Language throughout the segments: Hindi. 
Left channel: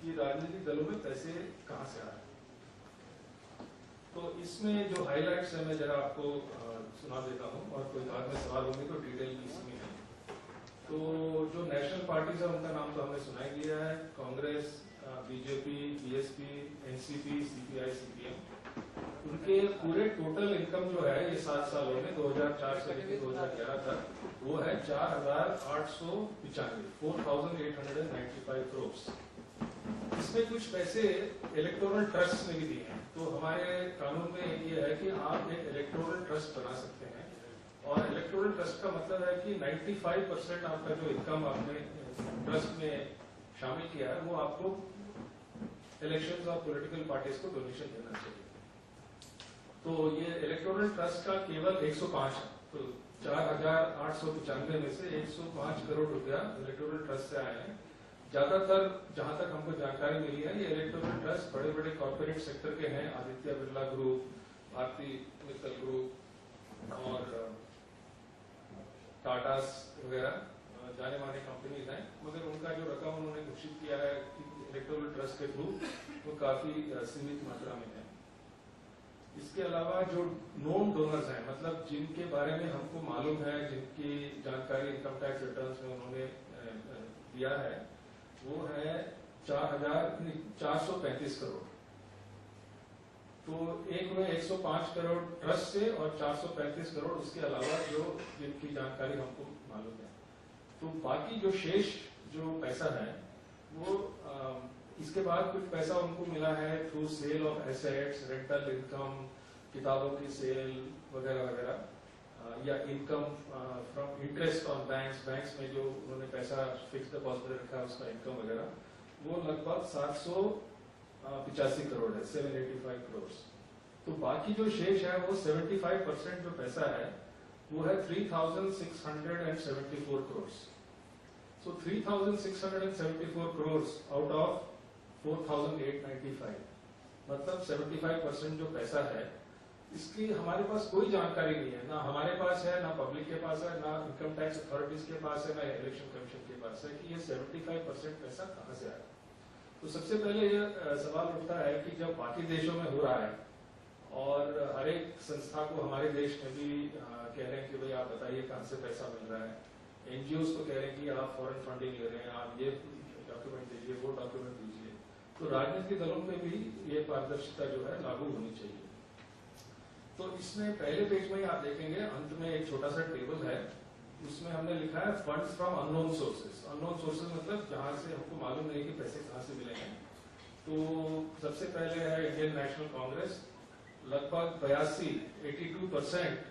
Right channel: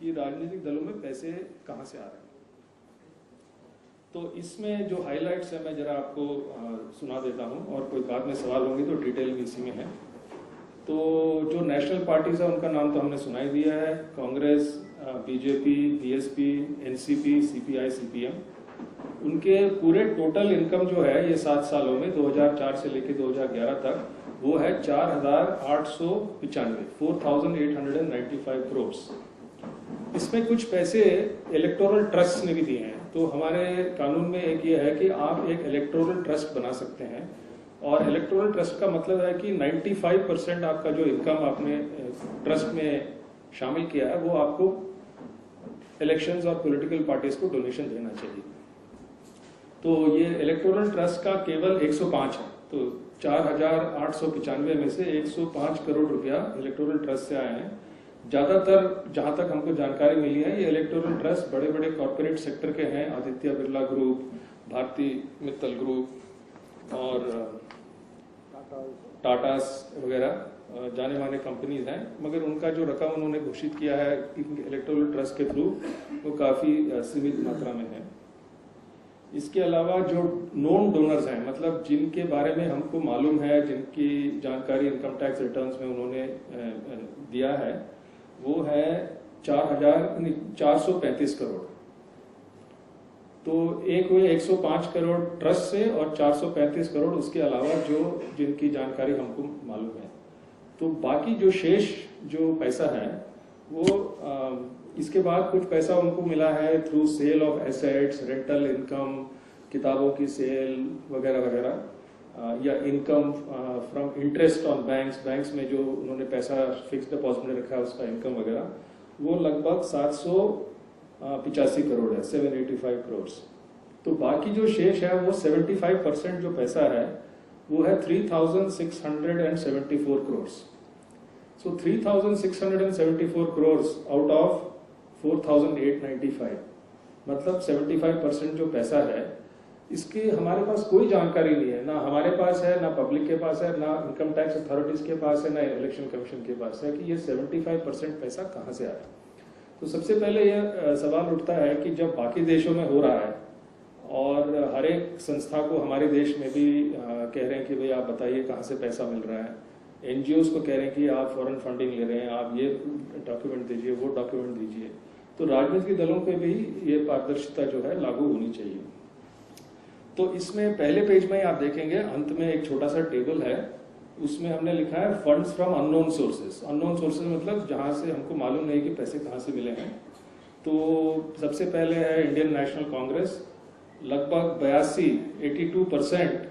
कि राजनीतिक दलों में पैसे कहां से आ रहे हैं। तो इसमें जो हाइलाइट्स है मैं जरा आपको सुना देता हूं, और कोई बाद में सवाल होंगे तो डिटेल भी इसी में है। तो जो नेशनल पार्टीज है उनका नाम तो हमने सुना ही दिया है, Congress, BJP, BSP, NCP, CPI, CPM. उनके पूरे टोटल इनकम जो है ये 7 सालों में 2004 से लेकर 2011 तक वो है 4,895 4,895 करोड़। इसमें कुछ पैसे इलेक्टोरल ट्रस्ट ने भी दिए हैं। तो हमारे कानून में एक ये है कि आप एक इलेक्टोरल ट्रस्ट बना सकते हैं, और इलेक्टोरल ट्रस्ट का मतलब है कि 95% आपका जो इनकम आपने ट्रस्ट में शामिल किया है वो आपको इलेक्शंस और पॉलिटिकल पार्टीज को डोनेशन देना चाहिए। तो ये इलेक्टोरल ट्रस्ट का केवल 105 है। तो 4,895 में से 105 करोड़ रुपया इलेक्टोरल ट्रस्ट से आए हैं। ज्यादातर जहां तक हमको जानकारी मिली है ये इलेक्टोरल ट्रस्ट बड़े बड़े कॉर्पोरेट सेक्टर के हैं, आदित्य बिरला ग्रुप, भारती मित्तल ग्रुप और टाटास वगैरह जाने माने कंपनीज हैं। मगर उनका जो रकम उन्होंने घोषित किया है इलेक्टोरल ट्रस्ट के थ्रू वो काफी सीमित मात्रा में है। इसके अलावा जो नोन डोनर्स हैं, मतलब जिनके बारे में हमको मालूम है, जिनकी जानकारी इनकम टैक्स रिटर्न्स में उन्होंने दिया है, वो है 4,435 करोड़। तो एक हुए 105 करोड़ ट्रस्ट से और 435 करोड़ उसके अलावा जो जिनकी जानकारी हमको मालूम है। तो बाकी जो शेष जो पैसा है वो इसके बाद कुछ पैसा उनको मिला है through sale of assets, rental income, किताबों की सेल वगैरह वगैरह, या income from interest on banks में जो उन्होंने पैसा फिक्स डिपॉजिट में रखा है उसका इनकम वगैरह, वो लगभग 785 करोड़ है, 785 करोड़। तो बाकी जो शेष है वो 75% जो पैसा है वो है 3,674 करोड़। सो 3,674 करोड़ आउट ऑफ 4,895, मतलब 75% जो पैसा है इसकी हमारे पास कोई जानकारी नहीं है, ना हमारे पास है, ना पब्लिक के पास है, ना इनकम टैक्स अथॉरिटीज के पास है, ना इलेक्शन कमीशन के पास है कि ये 75% पैसा कहां से आया। तो सबसे पहले यह सवाल उठता है कि जब बाकी देशों में हो रहा है और हर एक संस्था को हमारे देश में भी कह रहे हैं कि भाई आप बताइए कहां से पैसा मिल रहा है, एनजीओज को कह रहे हैं कि आप फॉरेन फंडिंग ले रहे हैं, आप ये डॉक्यूमेंट दीजिए, वो डॉक्यूमेंट दीजिए, तो राजनीतिक दलों पे भी ये पारदर्शिता जो है लागू होनी चाहिए। तो इसमें पहले पेज में आप देखेंगे अंत में एक छोटा सा टेबल है, उसमें हमने लिखा है funds from unknown sources. Unknown sources मतलब जहां से हमको मालूम नहीं कि पैसे कहां से मिले हैं। तो सबसे पहले है इंडियन नेशनल कांग्रेस, लगभग 82%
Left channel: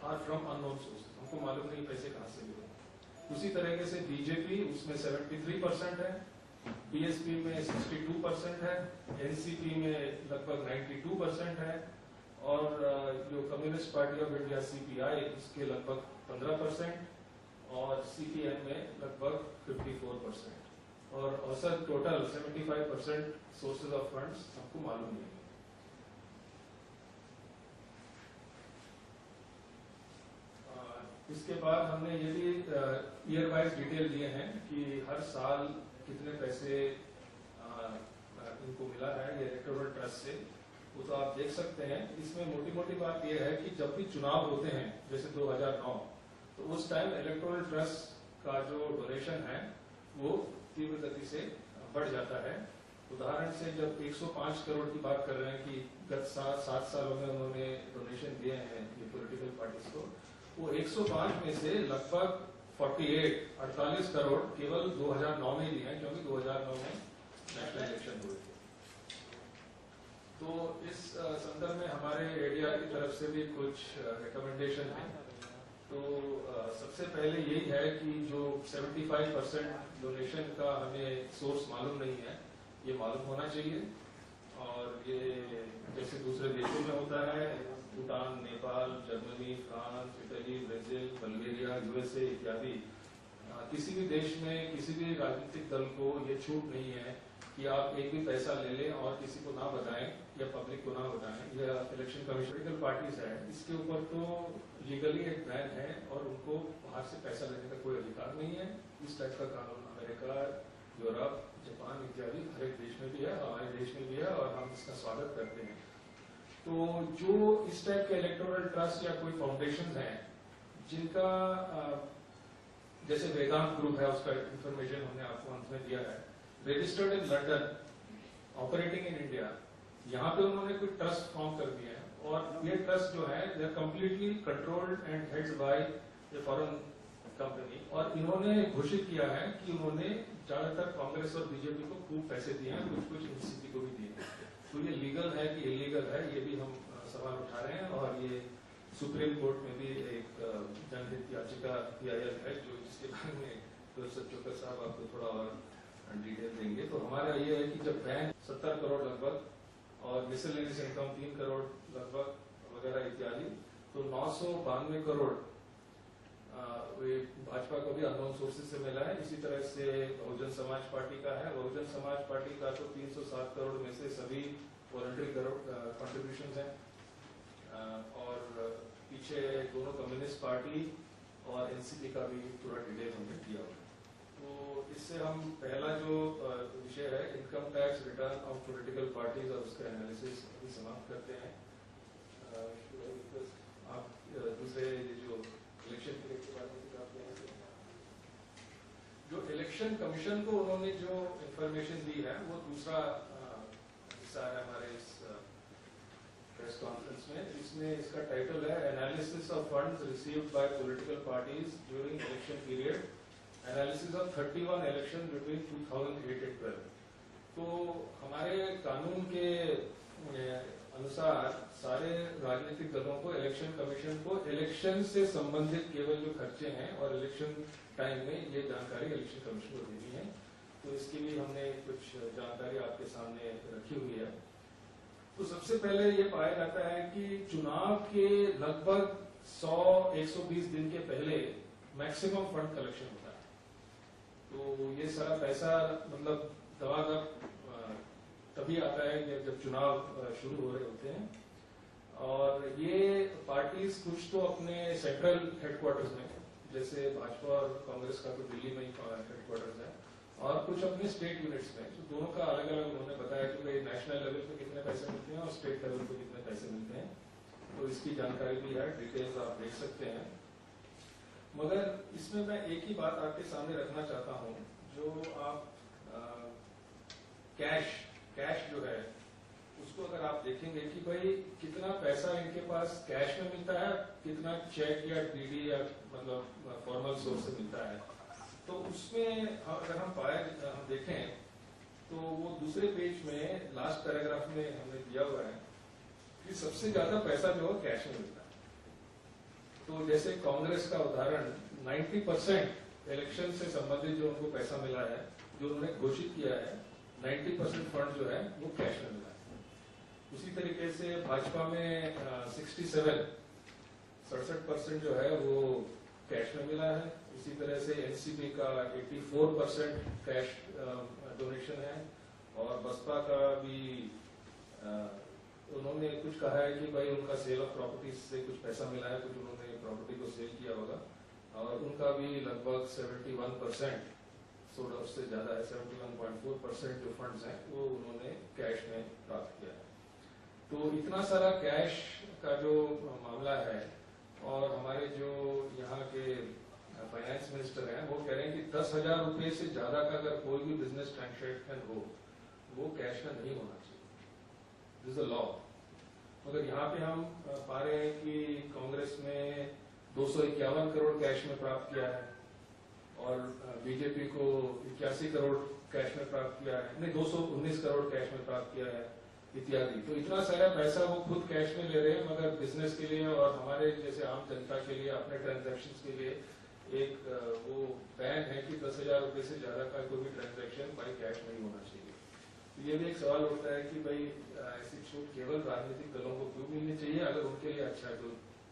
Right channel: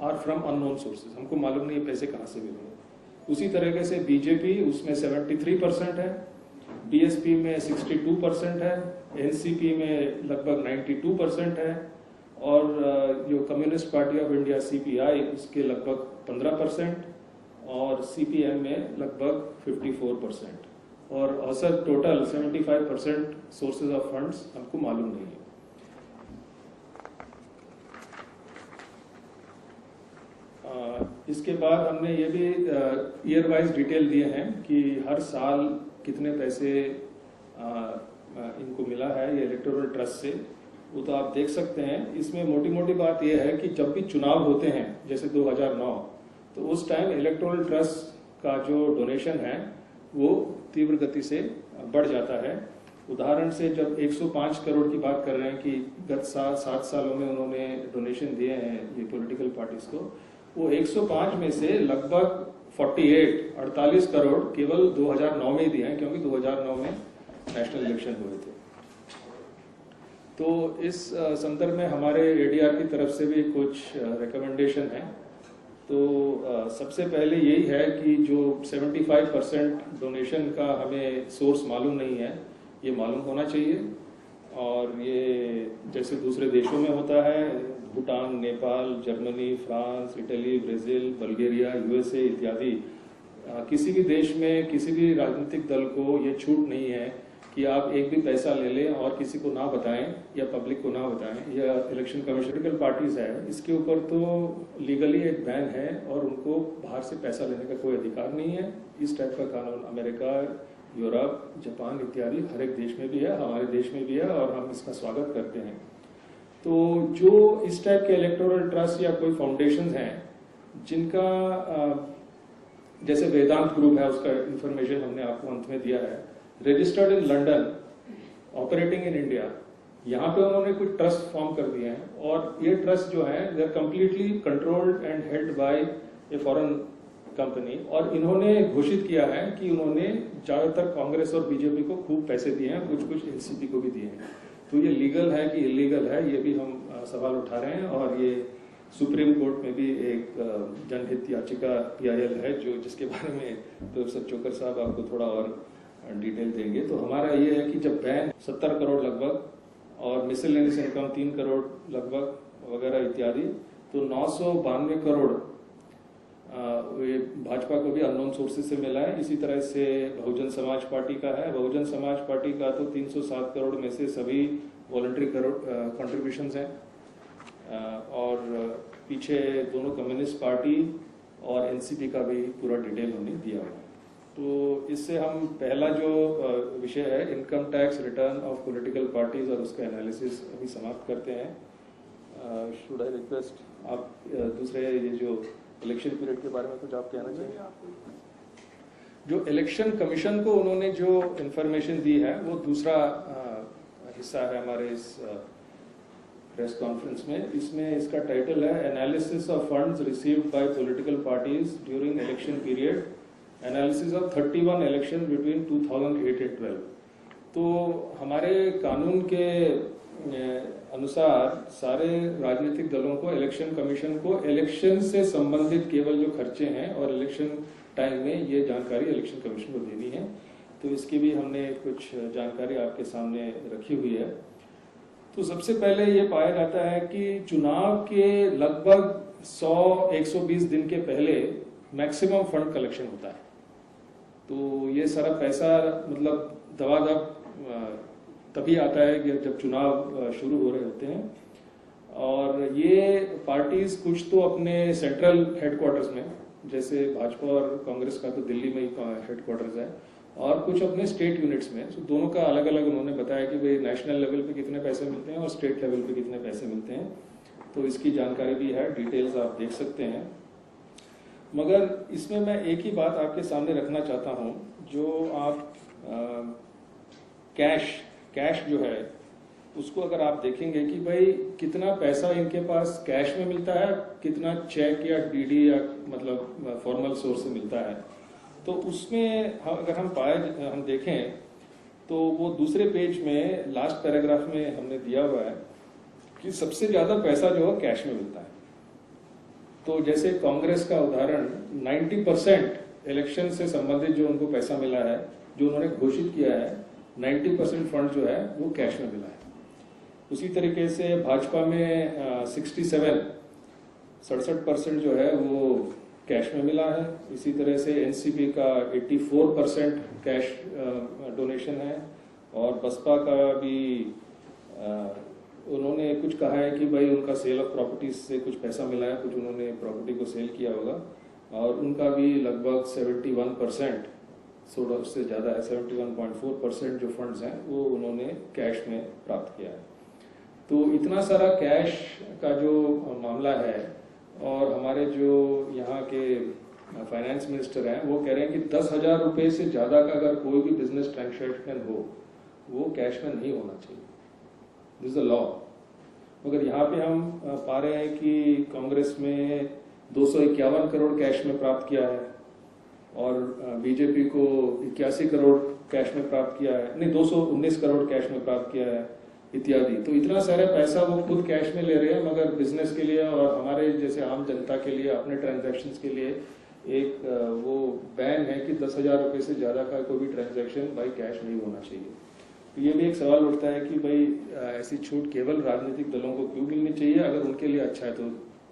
आर फ्रॉम अननोन सोर्सेज, हमको मालूम नहीं पैसे कहां से मिले। उसी तरीके से बीजेपी, उसमें 73% है, बीएसपी में 62% है, एनसीपी में लगभग 92% है, और जो communist party of India CPI उसके लगभग 15%, और सीपीएम में लगभग 54%, और औसत टोटल 75% सोर्सेज ऑफ फंड्स हमको मालूम नहीं है। इसके बाद हमने ये भी ईयर वाइज डिटेल दिए हैं कि हर साल कितने पैसे इनको मिला है ये इलेक्टोरल ट्रस्ट से, वो तो आप देख सकते हैं। इसमें मोटी मोटी बात यह है कि जब भी चुनाव होते हैं जैसे 2009, तो उस टाइम इलेक्टोरल ट्रस्ट का जो डोनेशन है वो तीव्र गति से बढ़ जाता है। उदाहरण से जब 105 करोड़ की बात कर रहे हैं कि गत 7 सालों में उन्होंने डोनेशन दिए हैं ये पॉलिटिकल पार्टीज को, वो 105 में से लगभग 48 करोड़ केवल 2009 में दिए हैं, क्योंकि 2009 में नेशनल इलेक्शन हुए थे। तो इस संदर्भ में हमारे एडीआर की तरफ से भी कुछ रिकमेंडेशन है। तो सबसे पहले यही है कि जो 75% डोनेशन का हमें सोर्स मालूम नहीं है, ये मालूम होना चाहिए। और ये जैसे दूसरे देशों में होता है, Bhutan, Nepal, Germany, France, Italy, Brazil, Bulgaria, USA इत्यादि, किसी भी देश में किसी भी राजनीतिक दल को ये छूट नहीं है कि आप एक भी पैसा ले लें और किसी को ना बताएं या पब्लिक को ना बताएं, या इलेक्शन कमीशन पॉलिटिकल पार्टीज है इसके ऊपर तो लीगली एक बैन है और उनको बाहर से पैसा लेने का कोई अधिकार नहीं है। इस टाइप का कानून अमेरिका, यूरोप, जापान इत्यादि हर एक देश में भी है, हमारे देश में भी है और हम इसका स्वागत करते हैं। तो जो इस टाइप के इलेक्टोरल ट्रस्ट या कोई फाउंडेशन हैं जिनका जैसे वेदांत ग्रुप है, उसका इंफॉर्मेशन हमने आपको अंत में दिया है, registered in London, operating in India, यहाँ पे उन्होंने कुछ ट्रस्ट फॉर्म कर दिए हैं और ये ट्रस्ट जो है they are completely controlled and held by a foreign company. और इन्होंने घोषित किया है कि उन्होंने ज्यादातर कांग्रेस और बीजेपी को खूब पैसे दिए हैं, कुछ कुछ एनसीपी को भी दिए हैं। तो ये लीगल है कि इलीगल है, ये भी हम सवाल उठा रहे हैं। और ये सुप्रीम कोर्ट में भी एक जनहित याचिका PIL है जो जिसके बारे में प्रोफेसर चोकर साहब आपको थोड़ा और डिटेल देंगे। तो हमारा ये है कि जब बैन 70 करोड़ लगभग और मिसलेनियस इनकम 3 करोड़ लगभग वगैरह इत्यादि, तो 992 करोड़ ये भाजपा को भी अननोन सोर्सेज से मिला है। इसी तरह से बहुजन समाज पार्टी का है, बहुजन समाज पार्टी का तो 307 करोड़ में से सभी वॉलंटरी कंट्रीब्यूशन हैं। और पीछे दोनों कम्युनिस्ट पार्टी और एनसीपी का भी पूरा डिटेल हमने दिया हुआ है। तो इससे हम पहला जो विषय है income tax return of political parties और उसका एनालिसिस अभी समाप्त करते हैं। शुड आई रिक्वेस्ट आप दूसरे ये जो इलेक्शन पीरियड के बारे में कुछ आप कहना चाहिए? जो इलेक्शन कमीशन को उन्होंने जो इंफॉर्मेशन दी है वो दूसरा हिस्सा है हमारे इस प्रेस कॉन्फ्रेंस में। इसमें इसका टाइटल है analysis of funds received by political parties during election period, analysis of 31 election between 2008 and 12। तो हमारे कानून के अनुसार सारे राजनीतिक दलों को, इलेक्शन कमीशन को इलेक्शन से संबंधित केवल जो खर्चे हैं और इलेक्शन टाइम में ये जानकारी इलेक्शन कमीशन को देनी है। तो इसकी भी हमने कुछ जानकारी आपके सामने रखी हुई है। तो सबसे पहले ये पाया जाता है कि चुनाव के लगभग 100-120 दिन के पहले मैक्सिमम फंड कलेक्शन होता है। तो ये सारा पैसा मतलब दबादब तभी आता है कि जब चुनाव शुरू हो रहे होते हैं। और ये पार्टीज कुछ तो अपने सेंट्रल हेडक्वार्टर्स में, जैसे भाजपा और कांग्रेस का तो दिल्ली में ही हेडक्वार्टर्स है, और कुछ अपने स्टेट यूनिट्स में। तो दोनों का अलग अलग उन्होंने बताया कि भाई नेशनल लेवल पे कितने पैसे मिलते हैं और स्टेट लेवल पे कितने पैसे मिलते हैं। तो इसकी जानकारी भी है, डिटेल्स आप देख सकते हैं। मगर इसमें मैं एक ही बात आपके सामने रखना चाहता हूं, जो आप कैश जो है उसको अगर आप देखेंगे कि भाई कितना पैसा इनके पास कैश में मिलता है, कितना चेक या डीडी या मतलब फॉर्मल सोर्स से मिलता है, तो उसमें अगर हम देखें तो वो दूसरे पेज में लास्ट पैराग्राफ में हमने दिया हुआ है कि सबसे ज्यादा पैसा जो है कैश में मिलता है। तो जैसे कांग्रेस का उदाहरण, 90% इलेक्शन से संबंधित जो उनको पैसा मिला है, जो उन्होंने घोषित किया है, 90% फंड जो है वो कैश में मिला है। उसी तरीके से भाजपा में 67% जो है वो कैश में मिला है। इसी तरह से एनसीपी का 84% कैश डोनेशन है। और बसपा का भी उन्होंने कुछ कहा है कि भाई उनका सेल ऑफ प्रॉपर्टीज से कुछ पैसा मिला है, कुछ उन्होंने प्रॉपर्टी को सेल किया होगा, और उनका भी लगभग 71%, उससे ज्यादा है, 71.4% जो फंड्स हैं वो उन्होंने कैश में प्राप्त किया है। तो इतना सारा कैश का जो मामला है, और हमारे जो यहाँ के फाइनेंस मिनिस्टर हैं वो कह रहे हैं कि 10,000 रुपए से ज्यादा का अगर कोई भी बिजनेस ट्रांजैक्शन हो वो कैश में नहीं होना चाहिए। This is the law. मगर यहाँ पे हम पा रहे हैं कि कांग्रेस में 251 करोड़ कैश में प्राप्त किया है, और बीजेपी को 81 करोड़ कैश में प्राप्त किया है, नहीं 219 करोड़ कैश में प्राप्त किया है इत्यादि। तो इतना सारा पैसा वो खुद कैश में ले रहे हैं, मगर बिजनेस के लिए और हमारे जैसे आम जनता के लिए, अपने ट्रांजैक्शंस के लिए एक वो बैन है कि 10,000 रुपए से ज्यादा का कोई भी ट्रांजैक्शन बाई कैश नहीं होना चाहिए। तो ये भी एक सवाल उठता है कि भाई ऐसी छूट केवल राजनीतिक दलों को क्यों मिलनी चाहिए? अगर उनके लिए अच्छा है तो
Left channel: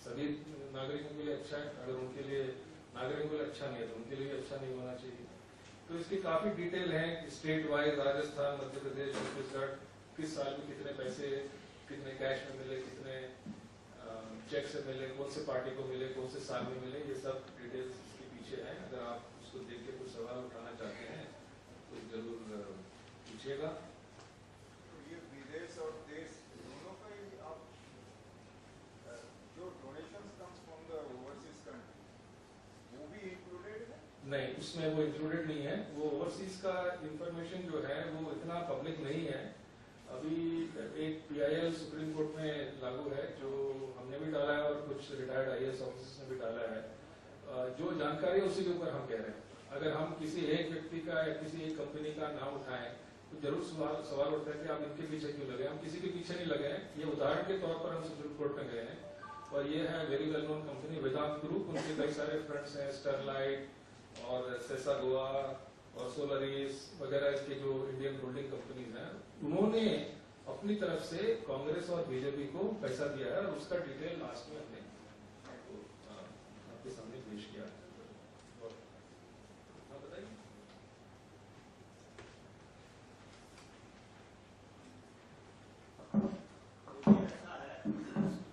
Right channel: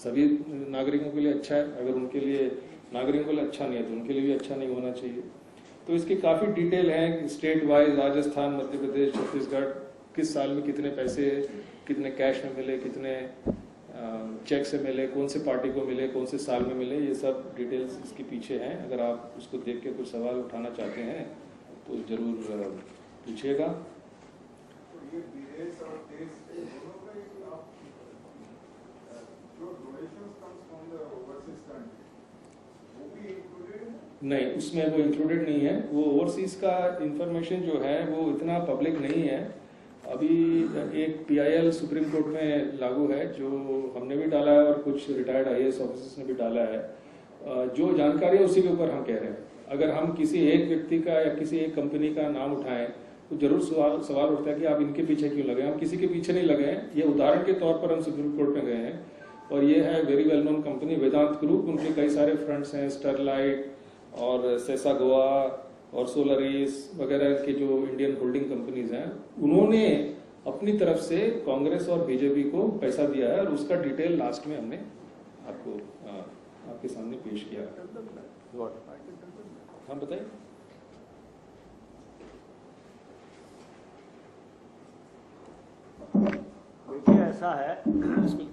सभी नागरिकों के लिए अच्छा है, अगर उनके लिए नागरिकों के लिए अच्छा नहीं है तो उनके लिए भी अच्छा नहीं होना चाहिए। तो इसकी काफी डिटेल है, स्टेट वाइज राजस्थान, मध्य प्रदेश, छत्तीसगढ़, किस साल में कितने पैसे, कितने कैश में मिले, कितने चेक से मिले, कौन से पार्टी को मिले, कौन से साल में मिले, ये सब डिटेल्स इसके पीछे हैं। अगर आप उसको देख के कुछ सवाल उठाना चाहते हैं तो जरूर पूछिएगा। तो ये विदेश और देश दोनों का ही आप जो donations comes from the overseas country वो भी इंक्लूडेड है? नहीं, उसमें वो इंक्लूडेड नहीं है। वो ओवरसीज का इंफॉर्मेशन जो है वो इतना पब्लिक नहीं है। अभी एक PIL सुप्रीम कोर्ट में लागू है, जो हमने भी डाला है और कुछ रिटायर्ड IAS ऑफिसर्स ने भी डाला है। जो जानकारी है उसी के ऊपर हम कह रहे हैं। अगर हम किसी एक व्यक्ति का या किसी एक कंपनी का नाम उठाएं तो जरूर सवाल उठता है कि आप इनके पीछे क्यों लगे। हम किसी के पीछे नहीं लगे हैं। ये उदाहरण के तौर पर हम सुप्रीम कोर्ट में गए हैं और ये है वेरी वेल नोन कंपनी वेदांत ग्रुप। उनके कई सारे फ्रंट्स हैं, स्टरलाइट और सेसा गोवा और सोलरीज वगैरह के जो इंडियन होल्डिंग कंपनीज हैं, उन्होंने अपनी तरफ से कांग्रेस और बीजेपी को पैसा दिया है और उसका डिटेल लास्ट में हमने आपको आपके सामने पेश किया। हाँ बताइए। देखिए ऐसा है, इसको